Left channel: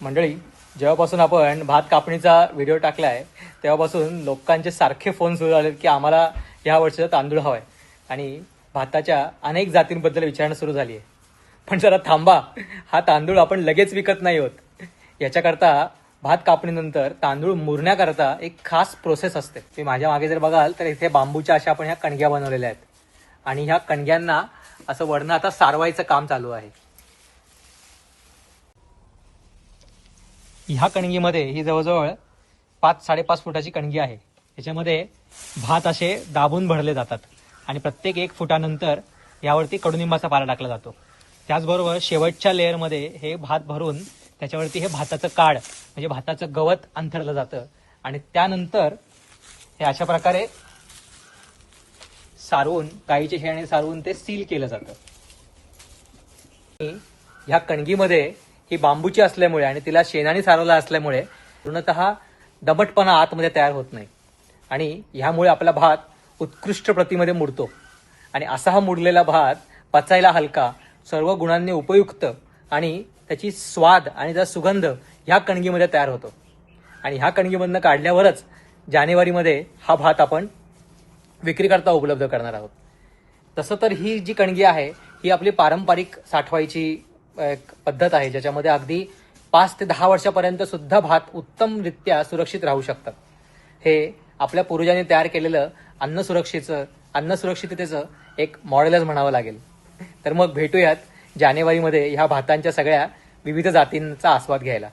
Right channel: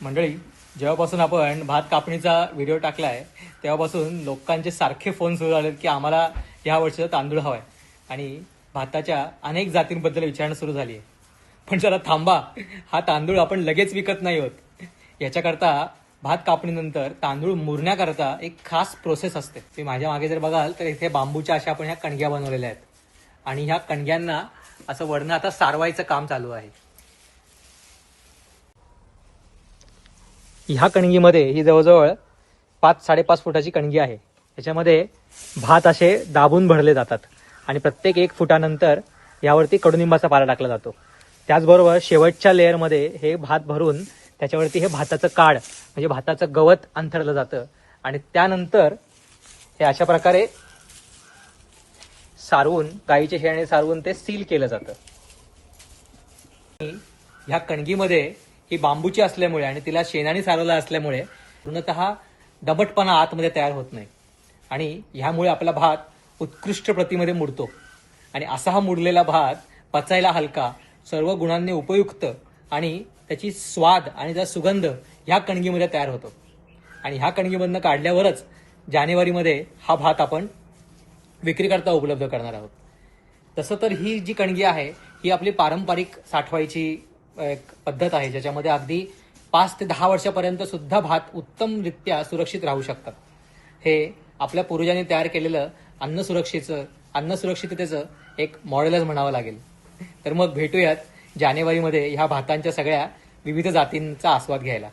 मंडळी, जेव्हापासून आपण भात कापणीचा व्हिडिओ टाकला आहे तेव्हापासून लोकांचे सारखे फोन सुरू झाले की आम्हाला ह्या वर्षीचा तांदूळ हवा आहे आणि भाताच्या अनेक जातींबद्दल विचारणा सुरू झाली आहे. पण जरा थांबा, हा तांदूळ आपण लगेच विकत नाही होत. याच्याकरता भात कापणीनंतर तांदूळ मुरण्याकरता एक खास प्रोसेस असते. ती माझ्या मागे जर बघाल तर इथे बांबूच्या अशा आपण ह्या कणग्या बनवलेल्या आहेत आणि ह्या कणग्यांना असं वरनं आता सारवायचं काम चालू आहे. ह्या कणगीमध्ये ही जवळजवळ 5-5.5 फुटाची कणगी आहे. त्याच्यामध्ये भात असे दाबून भरले जातात आणि प्रत्येक 1 फुटानंतर यावरती कडुनिंबाचा पाला टाकला जातो. त्याचबरोबर शेवटच्या लेअरमध्ये हे भात भरून त्याच्यावरती हे भाताचं काड म्हणजे भाताचं गवत अंथरलं जातं आणि त्यानंतर हे अशा प्रकारे सारवून गाईच्या शेणाने सारवून ते सील केलं जातं. ह्या कणगीमध्ये ही बांबूची असल्यामुळे आणि तिला शेणाने सारवला असल्यामुळे पूर्णतः दमटपणा आतमध्ये तयार होत नाही आणि ह्यामुळे आपला भात उत्कृष्ट प्रतीमध्ये मुरतो. आणि असा हा मुरलेला भात पचायला हलका, सर्व गुणांनी उपयुक्त आणि त्याची स्वाद आणि त्याचा सुगंध ह्या कणगीमध्ये तयार होतो. आणि ह्या कणगीमधनं काढल्यावरच जानेवारीमध्ये हा भात आपण विक्रीकरता उपलब्ध करणार आहोत. तसं तर ही जी कणगी आहे ही आपली पारंपरिक साठवायची एक पद्धत आहे, ज्याच्यामध्ये अगदी 5 ते 10 वर्षापर्यंत सुद्धा भात उत्तमरित्या सुरक्षित राहू शकतात. हे आपल्या पूर्वजांनी तयार केलेलं अन्न सुरक्षिततेचं एक मॉडेलच म्हणावं लागेल. तर मग भेटूयात जानेवारीमध्ये ह्या भातांच्या सगळ्या विविध जातींचा आस्वाद घ्यायला.